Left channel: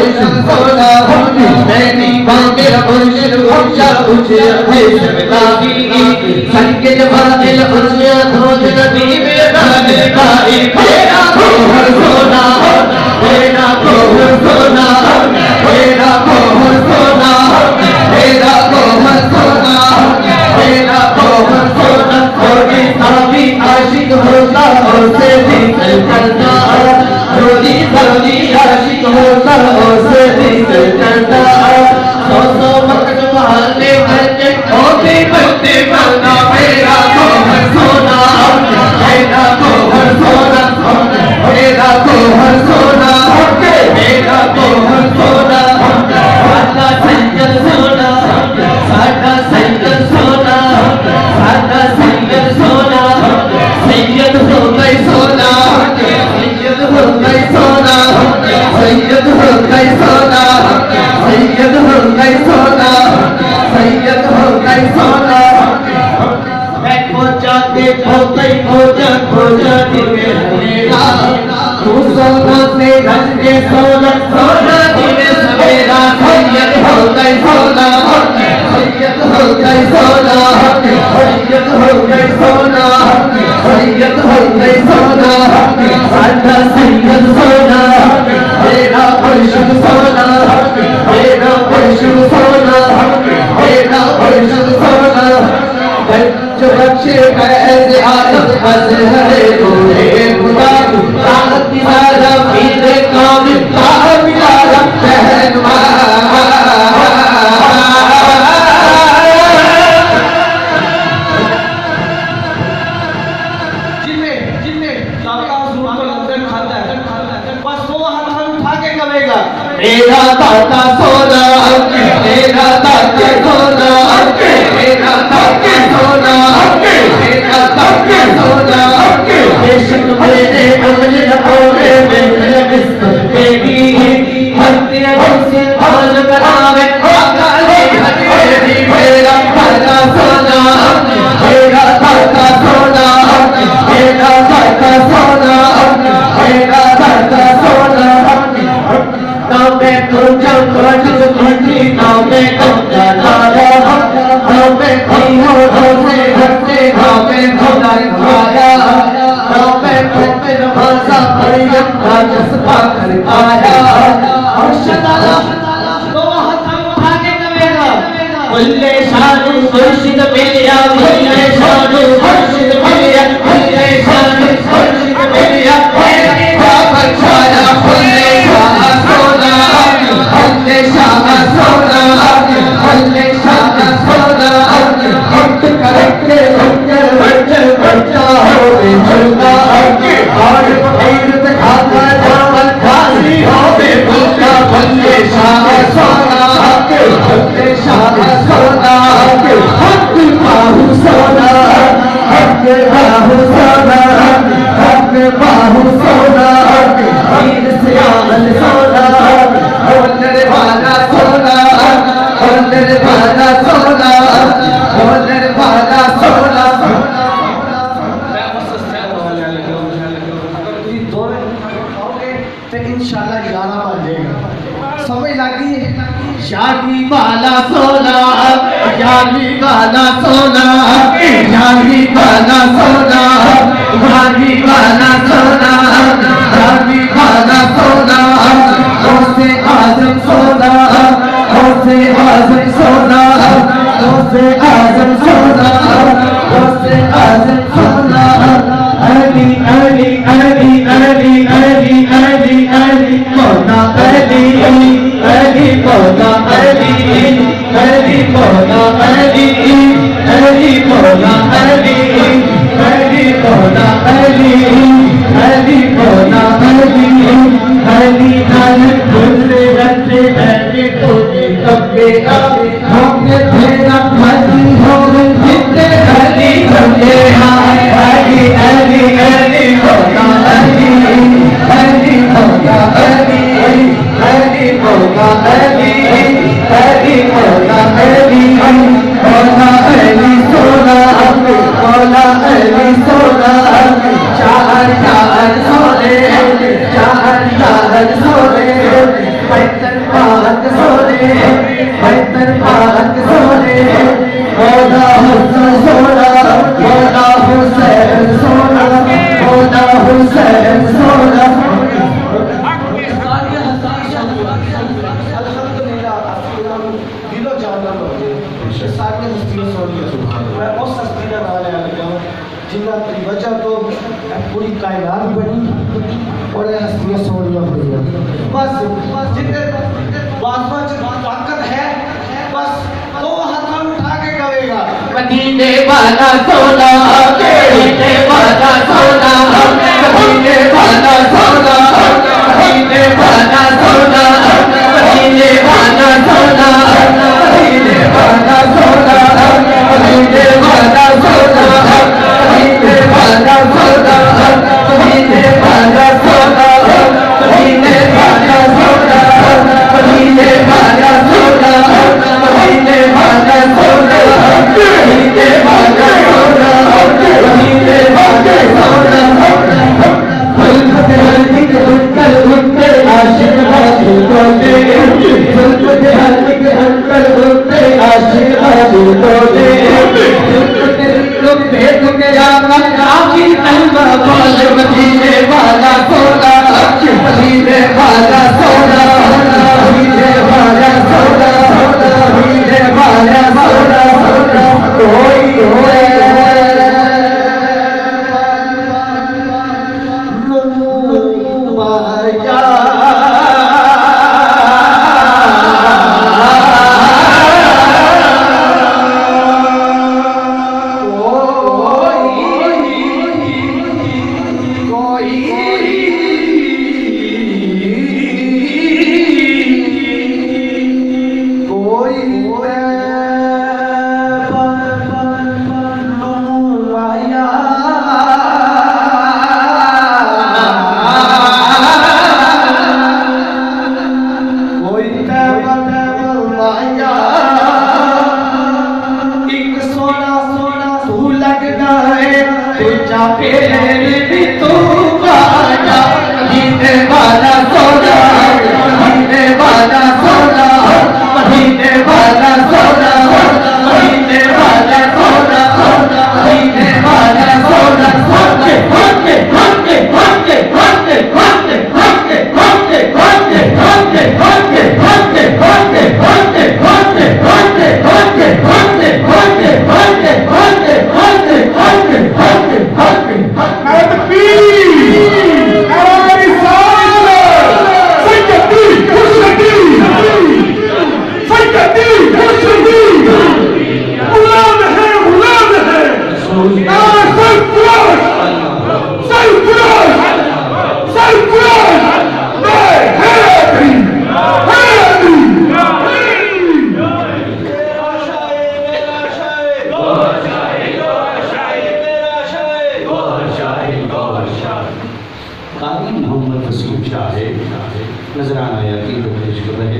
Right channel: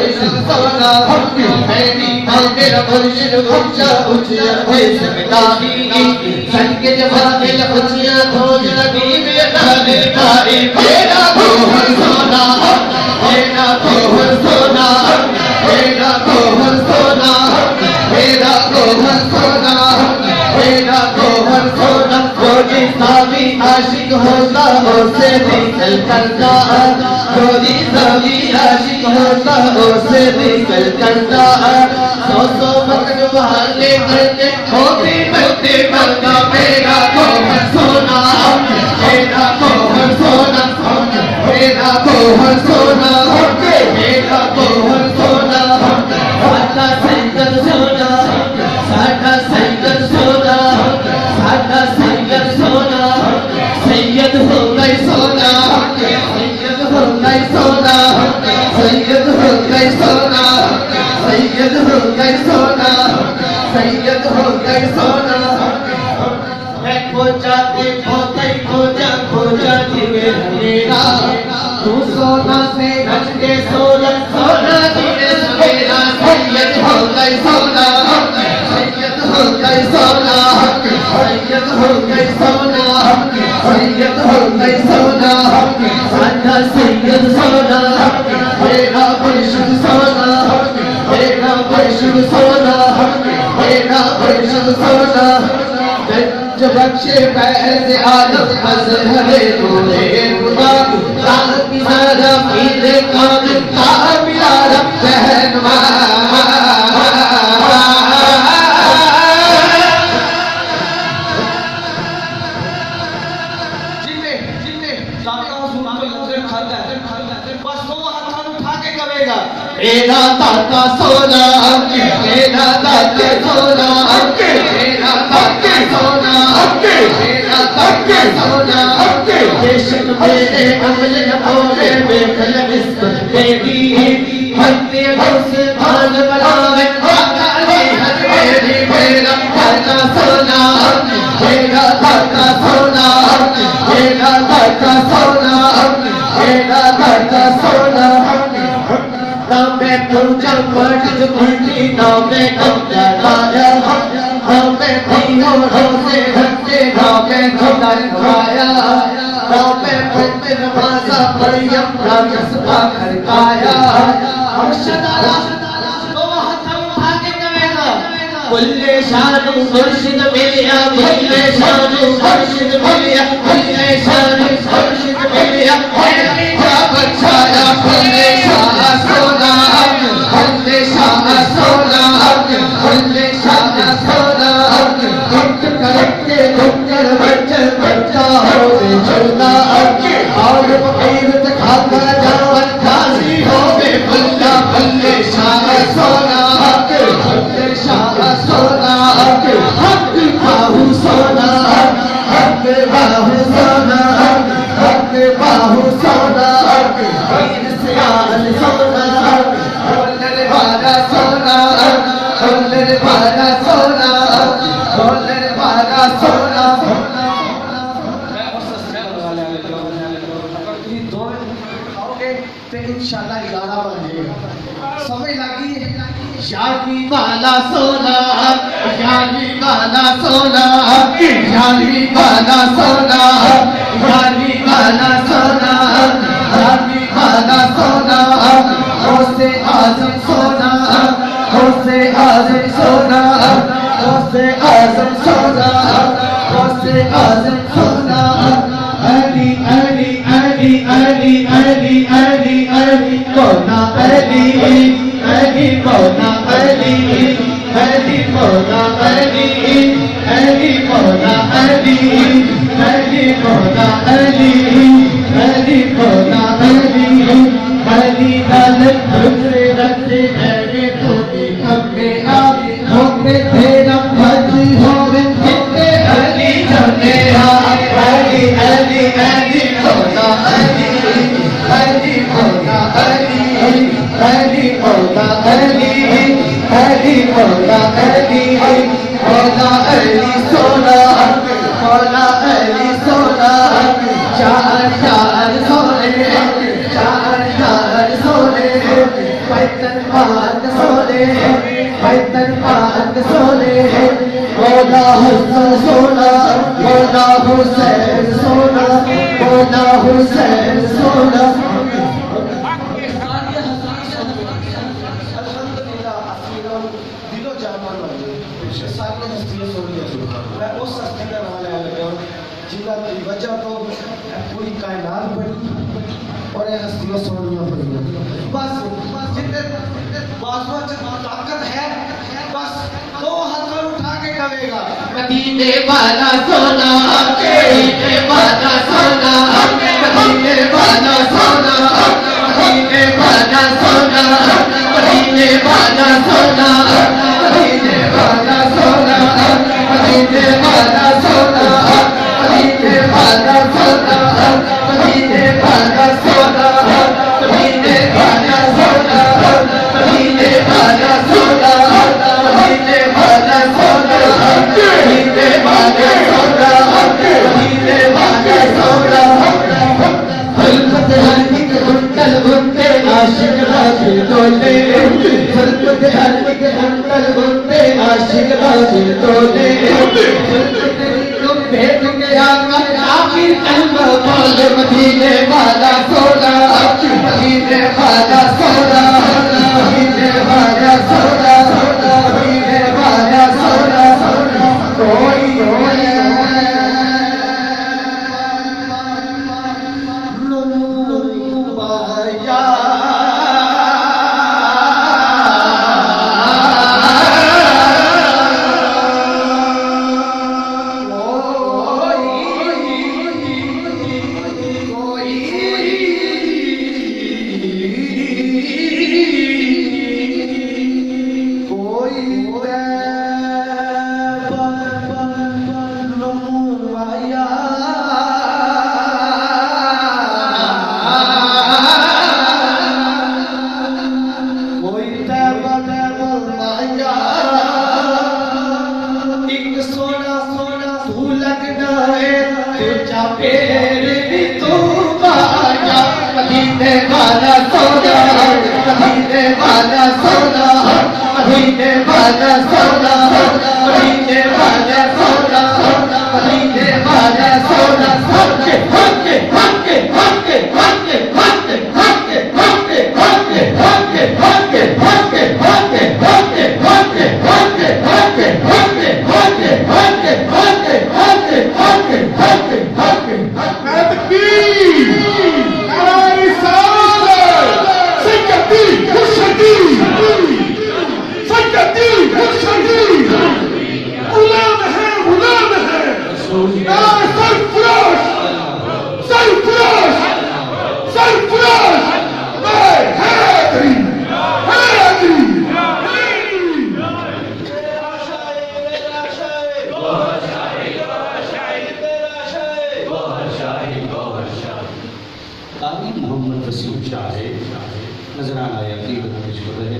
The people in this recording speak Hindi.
मुर्शिद सोना मैंने मेरा मुर्शिद ऊंचा ऊंचे भेष में ताबी संगे जमानिल ऊंचे खोज नबी में दाने काई मेरा कोहर सोना मेरा कोहर सोना मेरा कोहर सोना मेरा कोहर सोना मेरा कोहर सोना कोई साबी आशिक होता उसे भी करता रोजी रोजी आशिक होता उसे भी करता सो वक्त बहाने करके होते करते बना मेरा कोहर सोना मेरा कोहर सोना मेरा कोहर सोना मेरा कोहर सोना साडा सैयद सोना साडा सैयद सोना साडा सैयद सोना सैयद हो गई सोना सैयद हो गई सोना सैयद हो गई सोना सैयद हो गई सोना सैयद हो गई सोना मैं खोजा के खोजा दिवे मेरा तू सोना से ढल के सोना सोना दिवे सवेरा सैयद हो गई सोना सैयद हो गई सोना सैयद हो गई सोना सैयद हो गई सोना साडा सैयद सोना मेरा मुर्शिद सोना मेरा मुर्शिद सोना मेरा मुर्शिद सोना रक्षे पैसे आदत अज़हरे नूरे खुदा ताकत सारा पीले कामिल कामिला रहनुमा मेरा दाता सोना मेरा दाता सोना मेरा दाता सोना मेरा दाता सोना बेशक मेरे अगले ओरे में लगिस्त बेगी हत्ती से भाल बनावे काले हरे मेरा दाता सोना मेरा दाता सोना मेरा दाता सोना मेरा दाता सोना मैं तुझे मर्द तुझी ना मैं खुदा लाया ना मैं तीनों होते हटते ना मैं खुदा खुदाया ना मैं पढ़ते नमाज़ा मरियम का जज्बा कर पाया अर्शदा तो हाथ उठा के करेगा कुल्ले शान मुर्शिद मेरा कुल्ले शान मुर्शिद मेरा कुल्ले शान मुर्शिद मेरा मेरी बात छाया कुल्ले यानी वाला सोना यानी वाला सोना यानी वाला सोना यानी वाला सोना यानी वाला सोना ओसे आज़म सोना ओसे आज़म सोना ओसे आज़म सोना ओसे आज़म सोना अली अली अली अली अली अली अली मौला अली अली मौला अली अली मौला अली अली मौला अली अली मौला अली अली मौला अली अली दालत खुले रखते अली को कब्बे आ हमने तेरा फर्ज हो जितने अली समझे अली अली अली मौला अली अली मौला अली अली मौला अली अली मौला अली मौला अली सोना मौला अली सोना चार चार सोने चार चार सोने हैदर पाक सोने, हैदर पाक सोने, मौला हुसैन सोना, मौला हुसैन सोना, मौला हुसैन सोना। दिलो जानना होंगे सारे हस्तियां सोनी मैं उस हस्ती का नाम ले लगा जिन्ना की वजह तो पूरी कायनात बनी और हस्तियां सोनियां हुई बस जितने वास्ता ताकत है बस दो हाथ उठा के करेगा मदीने वाला सोना, मदीने वाला सोना, मदीने वाला सोना, मदीने वाला सोना, मदीने वाला सोना, मदीने वाला सोना, मदीने वाला सोना, मदीने वाला सोना, मदीने वाला सोना, मदीने वाला सोना, मदीने वाला सोना, मदीने वाला सोना, मदीने वाला सोना, मदीने वाला सोना। खुलपत हल्दी के अंकल उनके आशिक बाजू तोले, खुलपत हल्दी के अंकल उनके आशिक बाजू तोले, खुलपत लोग भेद के आकर आमी अल्लाह बोल मदीने वाला सोना, मदीने वाला सोना, मदीने वाला सोना, मदीने वाला सोना। कोई नजराना या